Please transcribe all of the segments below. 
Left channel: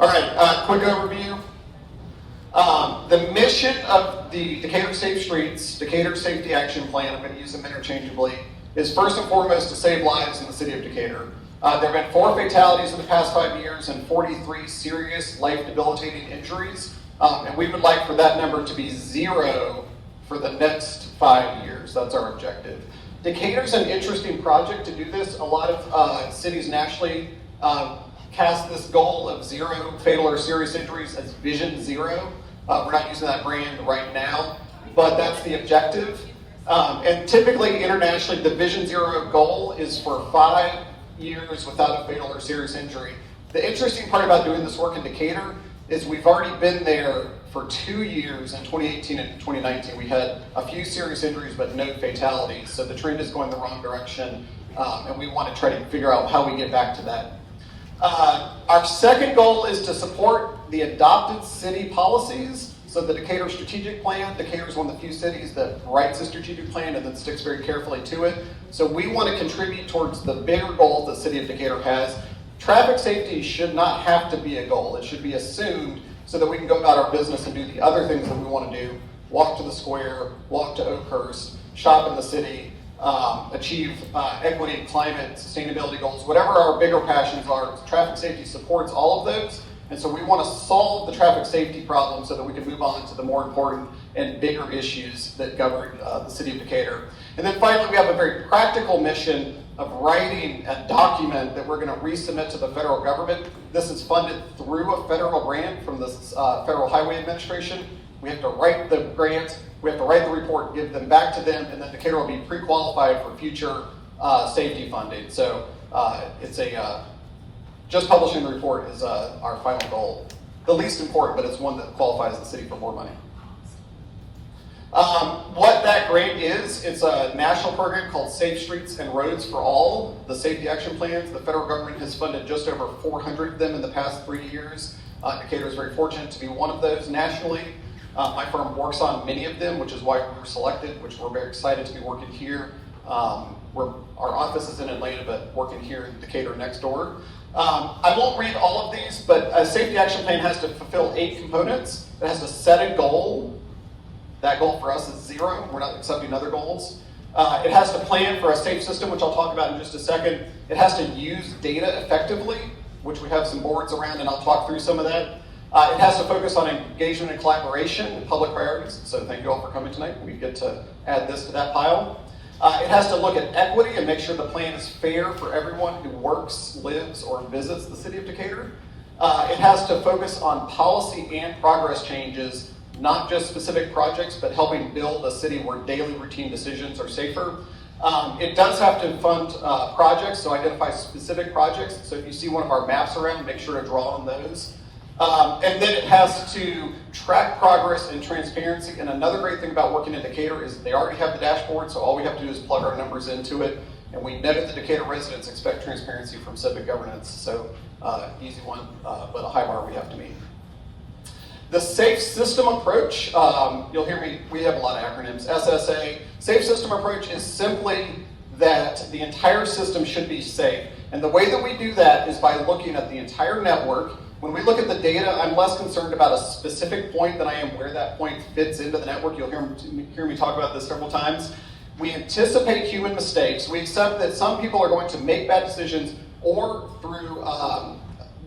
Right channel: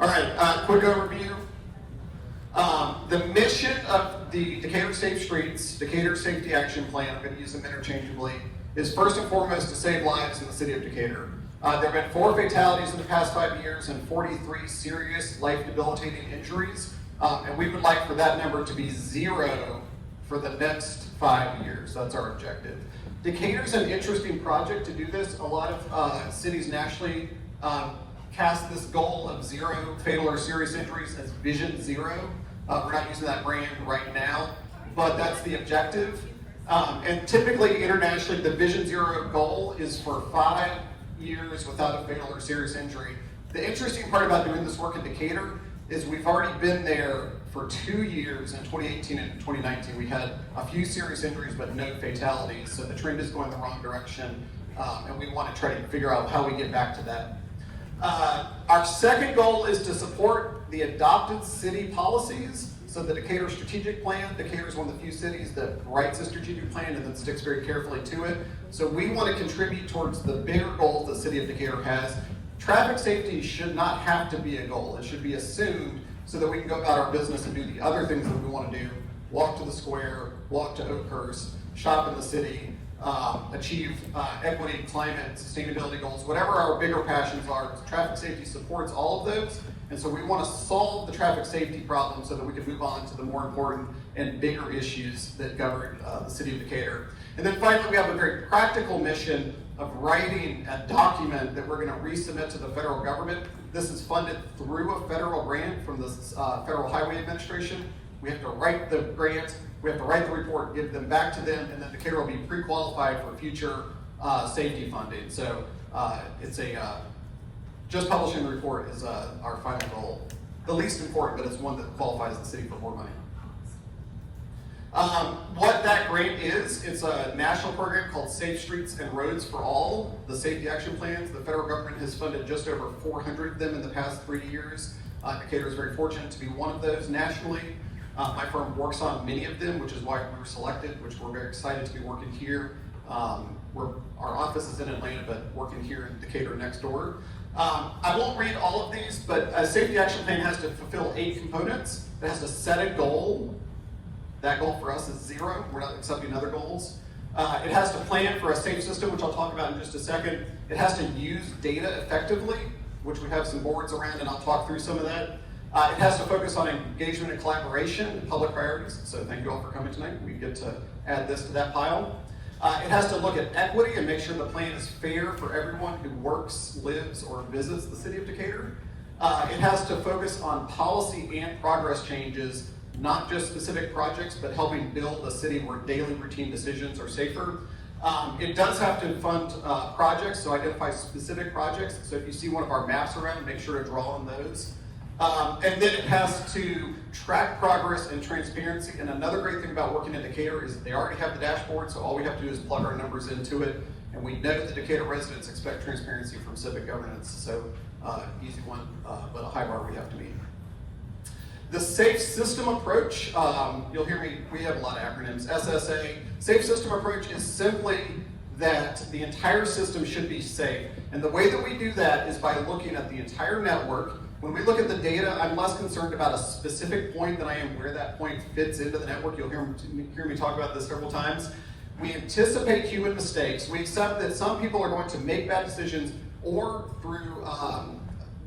All right, quick overview. The mission of the Decatur Safe Streets, Decatur Safety Action Plan, I'm going to use them interchangeably, is first and foremost to save lives in the city of Decatur. There have been 4 fatalities in the past 5 years and 43 serious life-debilitating injuries, and we would like for that number to be 0 for the next 5 years. That's our objective. Decatur's an interesting project to do this. A lot of cities nationally cast this goal of 0 fatal or serious injuries as Vision 0. We're not using that brand right now, but that's the objective. And typically internationally, the Vision 0 goal is for 5 years without a fatal or serious injury. The interesting part about doing this work in Decatur is we've already been there for 2 years. In 2018 and 2019, we had a few serious injuries but no fatalities. So the trend is going the wrong direction, and we want to try to figure out how we get back to that. Our second goal is to support the adopted city policies. So the Decatur Strategic Plan, Decatur is one of the few cities that writes a strategic plan and then sticks very carefully to it. So we want to contribute towards the bigger goals the city of Decatur has. Traffic safety should not have to be a goal. It should be assumed so that we can go about our business and do the other things that we want to do. Walk to the square, walk to Oakhurst, shop in the city, achieve equity and climate sustainability goals. Whatever our bigger passions are, traffic safety supports all of those. And so we want to solve the traffic safety problem so that we can move on to the more important and bigger issues that govern the city of Decatur. And then finally, we have a very practical mission of writing a document that we're going to resubmit to the federal government. This is funded through a federal grant from the Federal Highway Administration. We have to write the grant, we have to write the report, give them back to them, and then Decatur will be pre-qualified for future safety funding. So just publishing the report is our final goal. The least important, but it's one that qualifies the city for more money. What that grant is, it's a national program called Safe Streets and Roads for All, the safety action plans. The federal government has funded just over 400 of them in the past 3 years. Decatur is very fortunate to be one of those nationally. My firm works on many of them, which is why we were selected, which we're very excited to be working here. Our office is in Atlanta, but working here in Decatur next door. I won't read all of these, but a safety action plan has to fulfill 8 components. It has to set a goal. That goal for us is 0. We're not accepting other goals. It has to plan for a safe system, which I'll talk about in just a second. It has to use data effectively, which we have some boards around, and I'll talk through some of that. It has to focus on engagement and collaboration and public priorities. So thank you all for coming tonight. We get to add this to that pile. It has to look at equity and make sure the plan is fair for everyone who works, lives, or visits the city of Decatur. It has to focus on policy and progress changes, not just specific projects, but helping build a city where daily routine decisions are safer. It does have to fund projects, so identify specific projects. So if you see one of our maps around, make sure to draw on those. And then it has to track progress and transparency. And another great thing about working in Decatur is they already have the dashboard, so all we have to do is plug our numbers into it. And we know that the Decatur residents expect transparency from civic governance. So easy one, but a high bar we have to meet. The safe system approach, you'll hear me, we have a lot of acronyms. SSA, safe system approach is simply that the entire system should be safe. And the way that we do that is by looking at the entire network. When we look at the data, I'm less concerned about a specific point than I am where that point fits into the network. You'll hear me talk about this several times. We anticipate human mistakes. We accept that some people are going to make bad decisions, or through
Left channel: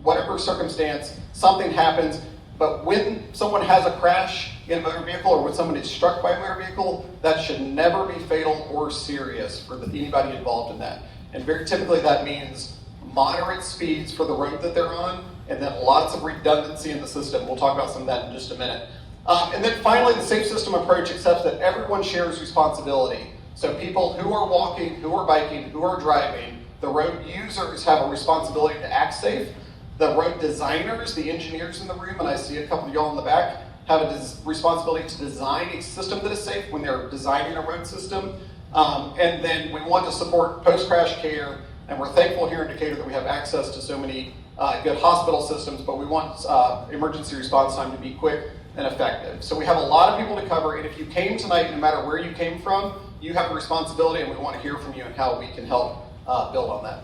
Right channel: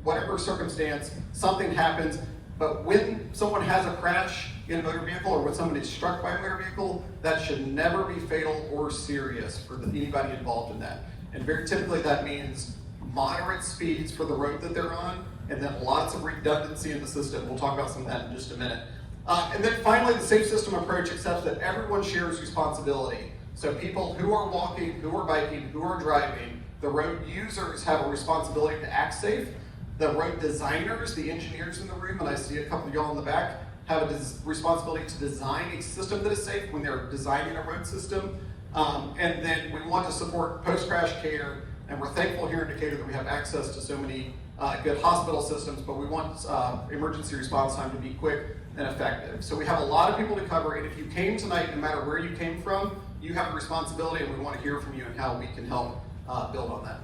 whatever circumstance, something happens. But when someone has a crash in a motor vehicle, or when someone is struck by a motor vehicle, that should never be fatal or serious for anybody involved in that. And very typically that means moderate speeds for the road that they're on, and then lots of redundancy in the system. We'll talk about some of that in just a minute. And then finally, the safe system approach accepts that everyone shares responsibility. So people who are walking, who are biking, who are driving, the road users have a responsibility to act safe. The road designers, the engineers in the room, and I see a couple of y'all in the back, have a responsibility to design a system that is safe when they're designing a road system. And then we want to support post-crash care, and we're thankful here in Decatur that we have access to so many good hospital systems, but we want emergency response time to be quick and effective. So we have a lot of people to cover, and if you came tonight, no matter where you came from, you have a responsibility, and we want to hear from you and how we can help build on that.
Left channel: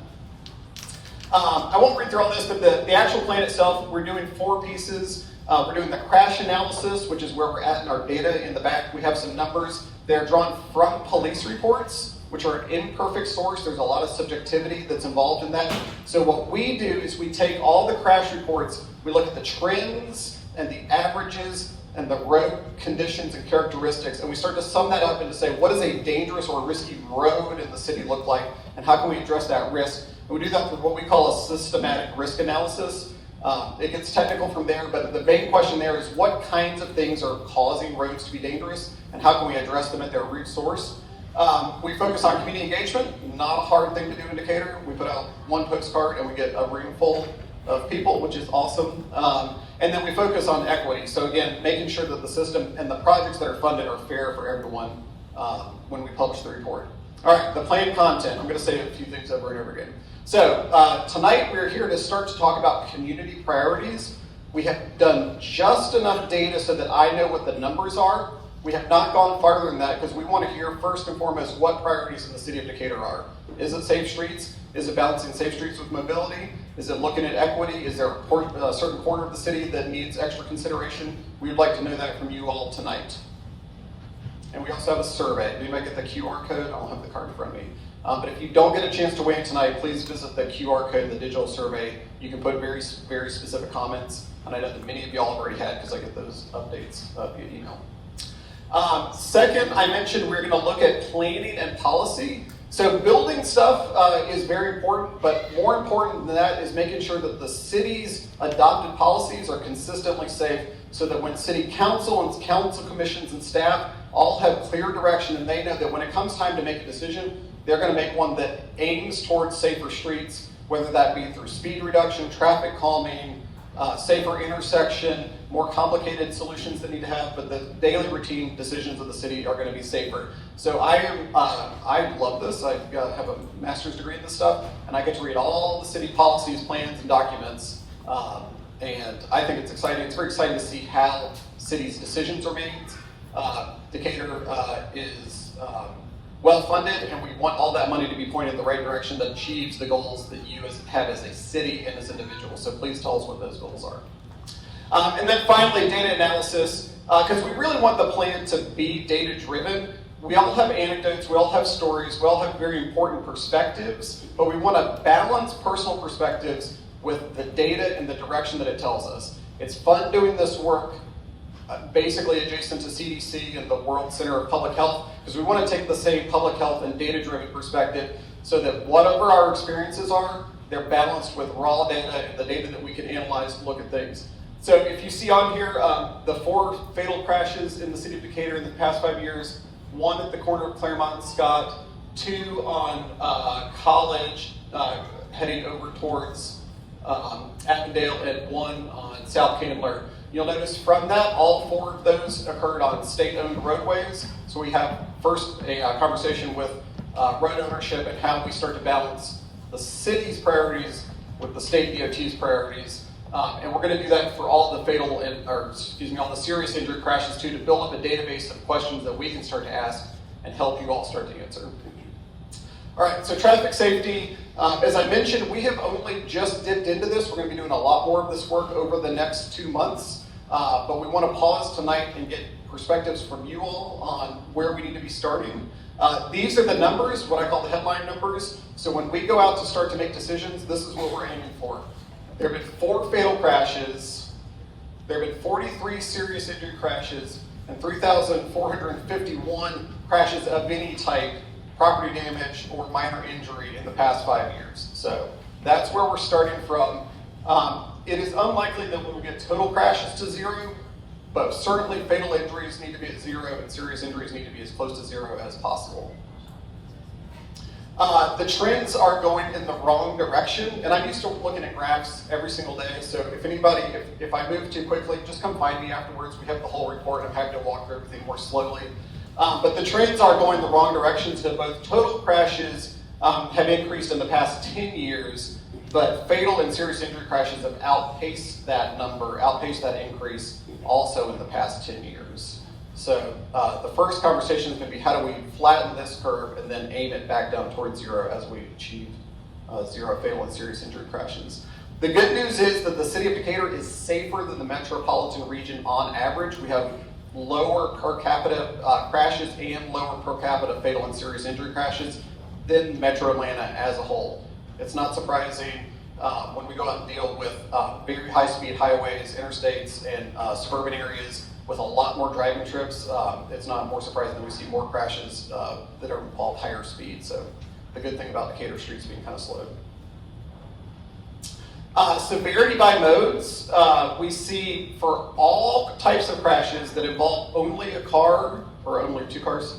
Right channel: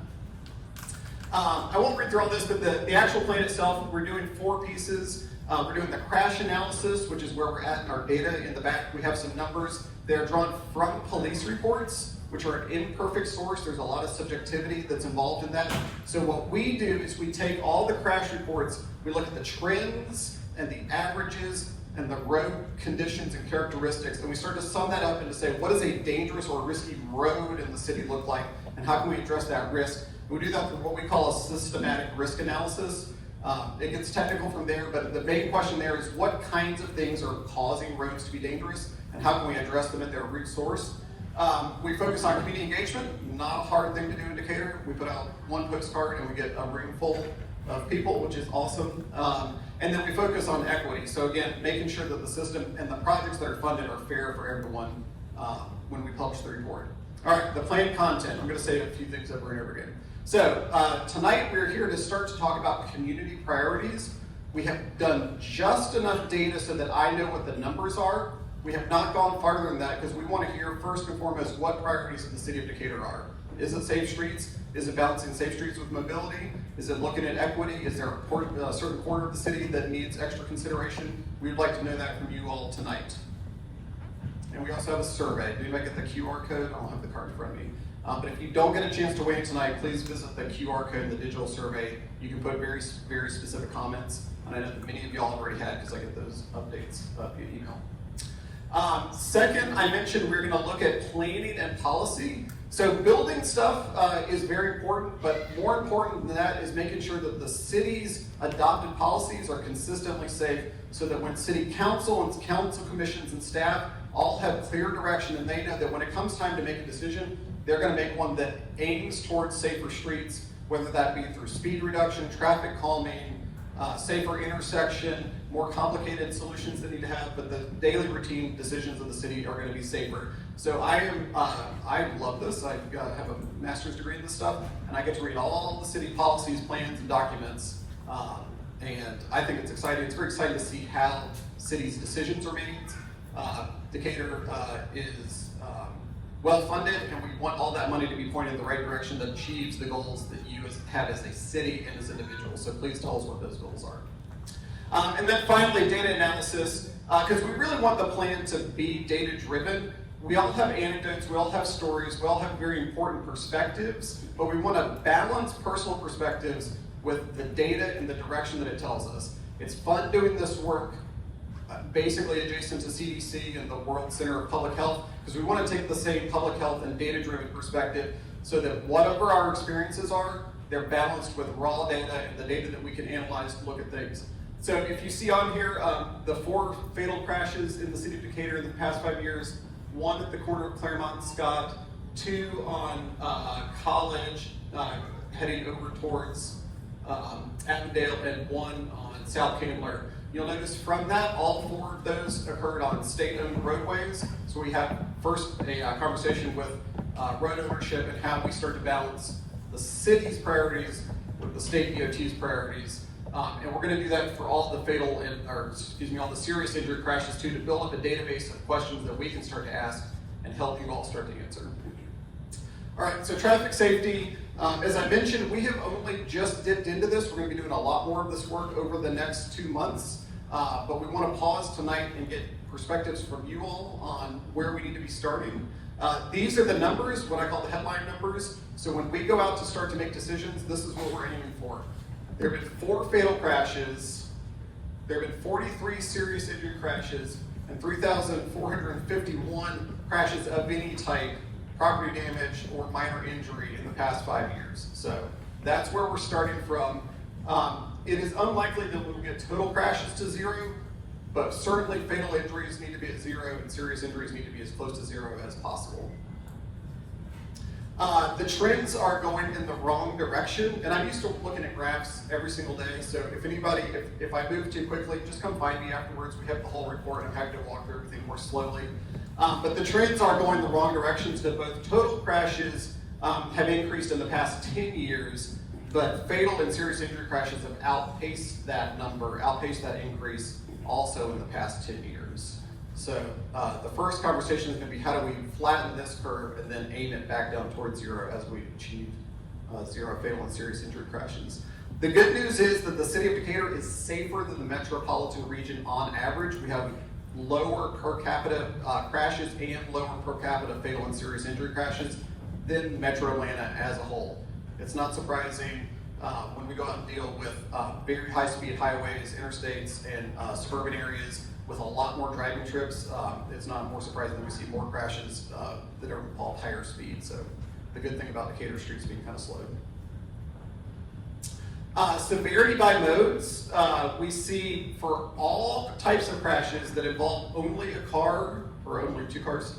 I won't read through all this, but the actual plan itself, we're doing 4 pieces. We're doing the crash analysis, which is where we're at in our data. In the back, we have some numbers. They're drawn from police reports, which are an imperfect source. There's a lot of subjectivity that's involved in that. So what we do is we take all the crash reports, we look at the trends and the averages and the road conditions and characteristics, and we start to sum that up and to say, what does a dangerous or risky road in the city look like, and how can we address that risk? And we do that through what we call a systematic risk analysis. It gets technical from there, but the main question there is what kinds of things are causing roads to be dangerous, and how can we address them at their root source? We focus on community engagement, not a hard thing to do in Decatur. We put out 1 postcard and we get a room full of people, which is awesome. And then we focus on equity. So again, making sure that the system and the projects that are funded are fair for everyone when we publish the report. All right, the planned content. I'm going to say a few things over and over again. So tonight we're here to start to talk about community priorities. We have done just enough data so that I know what the numbers are. We have not gone farther than that because we want to hear first and foremost what priorities in the city of Decatur are. Is it safe streets? Is it balancing safe streets with mobility? Is it looking at equity? Is there a certain corner of the city that needs extra consideration? We would like to know that from you all tonight. And we also have a survey. Did anybody get the QR code? I don't have the card in front of me. But if you don't get a chance to weigh in tonight, please visit the QR code in the digital survey. You can put very, very specific comments. And I know that many of y'all have already had because I get those updates via email. Second, I mentioned we're going to look at planning and policy. So building stuff is very important, but more important than that is making sure that the city's adopted policies are consistently safe so that when city council and council commissions and staff all have clear direction and they know that when it comes time to make a decision, they're going to make one that aims towards safer streets, whether that be through speed reduction, traffic calming, safer intersection, more complicated solutions that need to have, but the daily routine decisions of the city are going to be safer. So I love this. I have a master's degree in this stuff, and I get to read all the city policies, plans, and documents. And I think it's exciting. It's very exciting to see how cities' decisions are made. Decatur is well-funded, and we want all that money to be pointed in the right direction that achieves the goals that you have as a city and as individuals. So please tell us what those goals are. And then finally, data analysis, because we really want the plan to be data-driven. We all have anecdotes, we all have stories, we all have very important perspectives, but we want to balance personal perspectives with the data and the direction that it tells us. It's fun doing this work basically adjacent to CDC and the World Center of Public Health, because we want to take the same public health and data-driven perspective so that whatever our experiences are, they're balanced with raw data and the data that we can analyze to look at things. So if you see on here the 4 fatal crashes in the city of Decatur in the past 5 years, 1 at the corner of Claremont and Scott, 2 on College heading over towards Avondale, and 1 on South Candler. You'll notice from that, all 4 of those occurred on state-owned roadways. So we have first a conversation with road ownership and how we start to balance the city's priorities with the state DOT's priorities. And we're going to do that for all the fatal all the serious injury crashes too, to build up a database of questions that we can start to ask and help you all start to answer. All right, so traffic safety. As I mentioned, we have only just dipped into this. We're going to be doing a lot more of this work over the next 2 months. But we want to pause tonight and get perspectives from you all on where we need to be starting. These are the numbers, what I call the headline numbers. So when we go out to start to make decisions, this is what we're aiming for. There have been 4 fatal crashes, there have been 43 serious injury crashes, and 3,451 crashes of any type, property damage or minor injury in the past 5 years. So that's where we're starting from. It is unlikely that we will get total crashes to 0, but certainly fatal injuries need to be at 0 and serious injuries need to be as close to 0 as possible. The trends are going in the wrong direction, and I'm used to looking at graphs every single day, so if I move too quickly, just come find me afterwards. We have the whole report, and I'm happy to walk through everything more slowly. But the trends are going the wrong direction, so both total crashes have increased in the past 10 years, but fatal and serious injury crashes have outpaced that increase also in the past 10 years. So the first conversation is going to be how do we flatten this curve and then aim it back down towards 0 as we achieve 0 fatal and serious injury crashes. The good news is that the city of Decatur is safer than the metropolitan region on average. We have lower per capita crashes and lower per capita fatal and serious injury crashes than Metro Atlanta as a whole. It's not surprising when we go out and deal with very high-speed highways, interstates, and suburban areas with a lot more driving trips. It's not more surprising that we see more crashes that are involve higher speed. So the good thing about Decatur streets being kind of slow. Severity by modes, we see for all types of crashes that involve only a car or only 2 cars,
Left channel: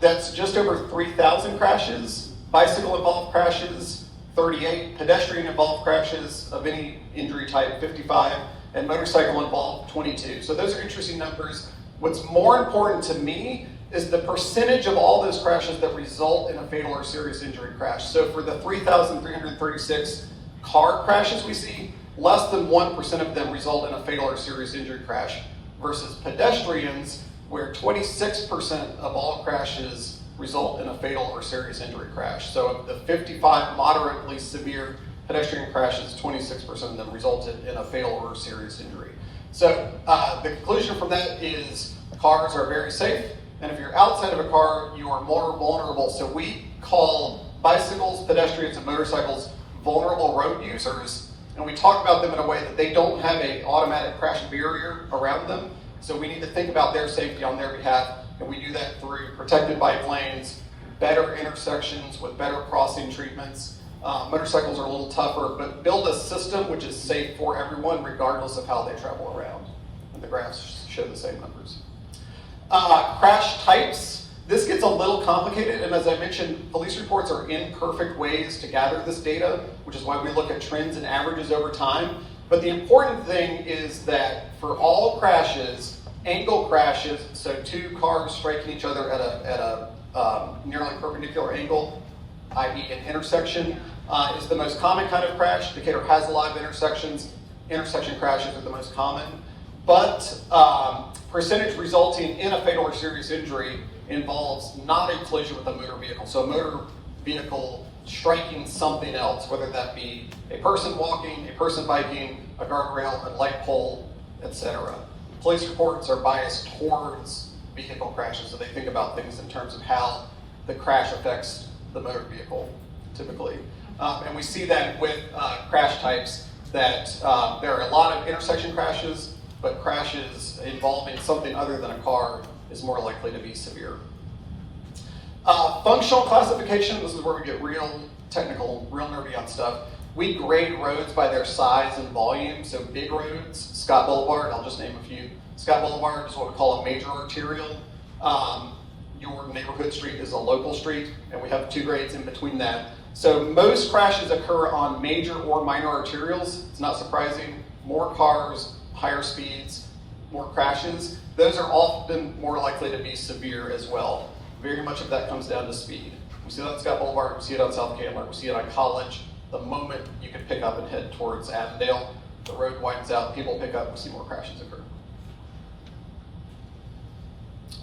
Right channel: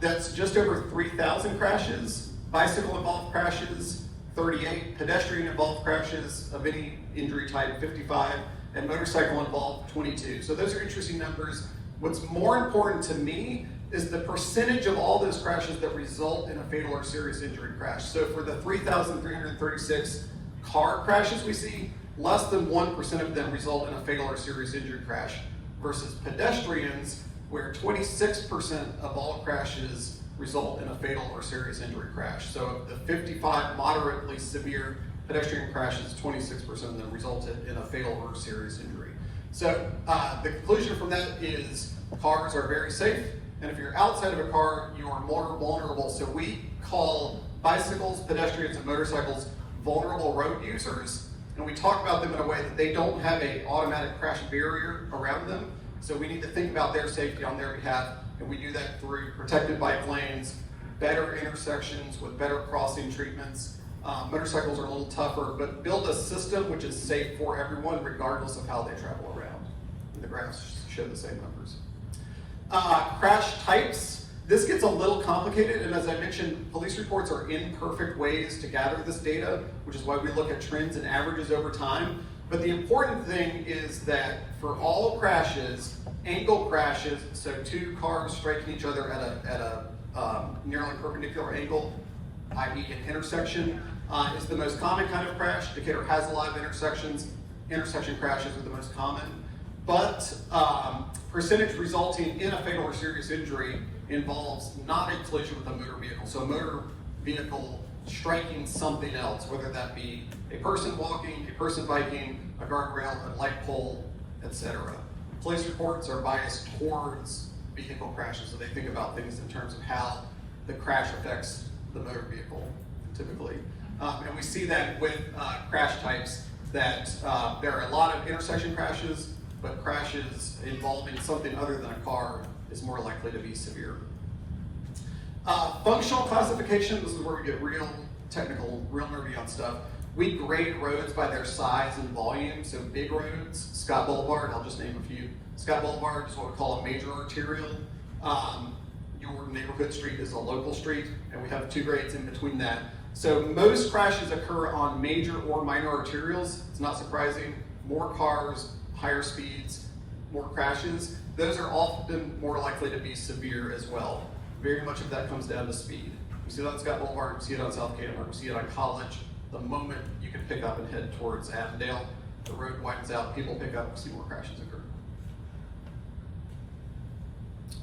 that's just over 3,000 crashes. Bicycle involved crashes, 38. Pedestrian involved crashes of any injury type, 55. And motorcycle involved, 22. So those are interesting numbers. What's more important to me is the percentage of all those crashes that result in a fatal or serious injury crash. So for the 3,336 car crashes we see, less than 1% of them result in a fatal or serious injury crash, versus pedestrians, where 26% of all crashes result in a fatal or serious injury crash. So of the 55 moderately severe pedestrian crashes, 26% of them resulted in a fatal or serious injury. So the conclusion from that is cars are very safe, and if you're outside of a car, you are more vulnerable. So we call bicycles, pedestrians, and motorcycles vulnerable road users, and we talk about them in a way that they don't have an automatic crash barrier around them. So we need to think about their safety on their behalf, and we do that through protected bike lanes, better intersections with better crossing treatments. Motorcycles are a little tougher, but build a system which is safe for everyone regardless of how they travel around. And the graphs show the same numbers. Crash types. This gets a little complicated, and as I mentioned, police reports are imperfect ways to gather this data, which is why we look at trends and averages over time. But the important thing is that for all crashes, angle crashes, so 2 cars striking each other at a nearly perpendicular angle, i.e. an intersection, is the most common kind of crash. Decatur has a lot of intersections. Intersection crashes are the most common. But percentage resulting in a fatal or serious injury involves not a collision with a motor vehicle. So a motor vehicle striking something else, whether that be a person walking, a person biking, a guardrail, a light pole, etc. Police reports are biased towards vehicle crashes, so they think about things in terms of how the crash affects the motor vehicle, typically. And we see that with crash types, that there are a lot of intersection crashes, but crashes involving something other than a car is more likely to be severe. Functional classification, this is where we get real technical, real nerdy on stuff. We grade roads by their size and volume. So big roads, Scott Boulevard, I'll just name a few. Scott Boulevard is what we call a major arterial. Your neighborhood street is a local street, and we have 2 grades in between that. So most crashes occur on major or minor arterials. It's not surprising. More cars, higher speeds, more crashes. Those are often more likely to be severe as well. Very much of that comes down to speed. We see that on Scott Boulevard, we see it on South Candler, we see it on College. The moment you can pick up and head towards Avondale, the road widens out, people pick up, we see more crashes occur.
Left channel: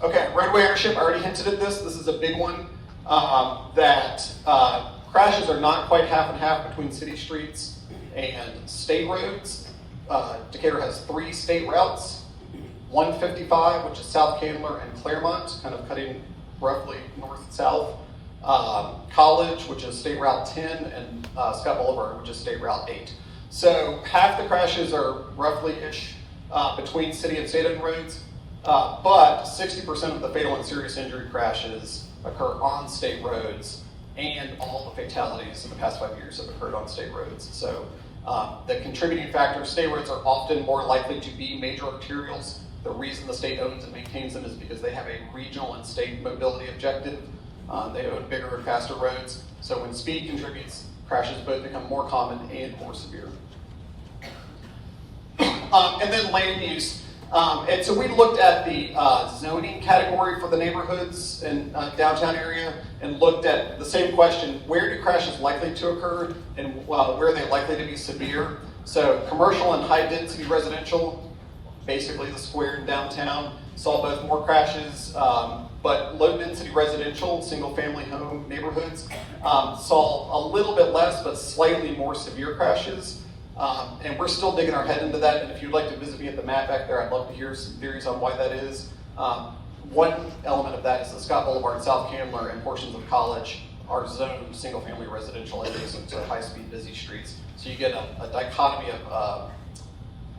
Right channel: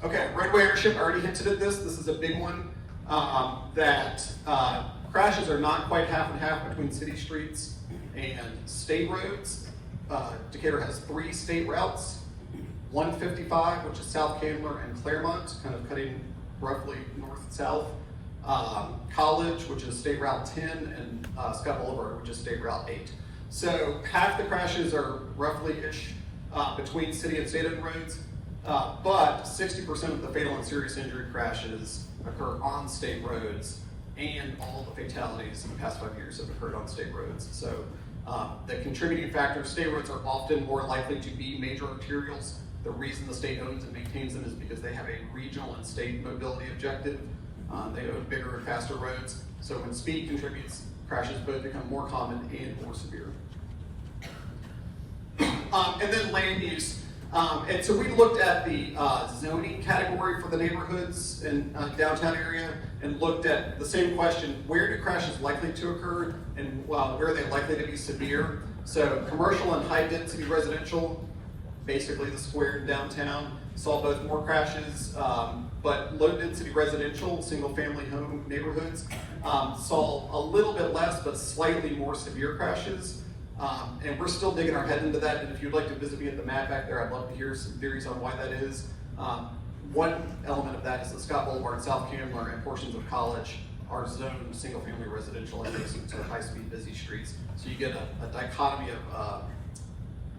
Okay, roadway ownership, I already hinted at this. This is a big one, that crashes are not quite half and half between city streets and state roads. Decatur has 3 state routes, 155, which is South Candler and Claremont, kind of cutting roughly north and south. College, which is State Route 10, and Scott Boulevard, which is State Route 8. So half the crashes are roughly-ish between city and state-owned roads, but 60% of the fatal and serious injury crashes occur on state roads, and all the fatalities in the past 5 years have occurred on state roads. So the contributing factors, state roads are often more likely to be major arterials. The reason the state owns and maintains them is because they have a regional and state mobility objective. They own bigger and faster roads. So when speed contributes, crashes both become more common and more severe. And then land use. And so we looked at the zoning category for the neighborhoods in downtown area and looked at the same question: where do crashes likely to occur, and where are they likely to be severe? So commercial and high density residential, basically the square in downtown, saw both more crashes But low-density residential, single-family home neighborhoods saw a little bit less, but slightly more severe crashes. And we're still digging our head into that. And if you'd like to visit me at the map back there, I'd love to hear some theories on why that is. One element of that is that Scott Boulevard, South Candler, and portions of College are zoned single-family residential adjacent to high-speed busy streets. So you get a dichotomy of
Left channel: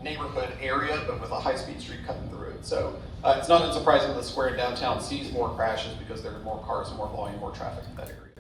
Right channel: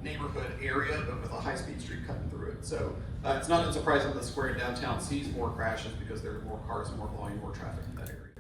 neighborhood area, but with a high-speed street cutting through it. So it's not unsurprising that the square in downtown sees more crashes because there are more cars and more volume, more traffic in that area.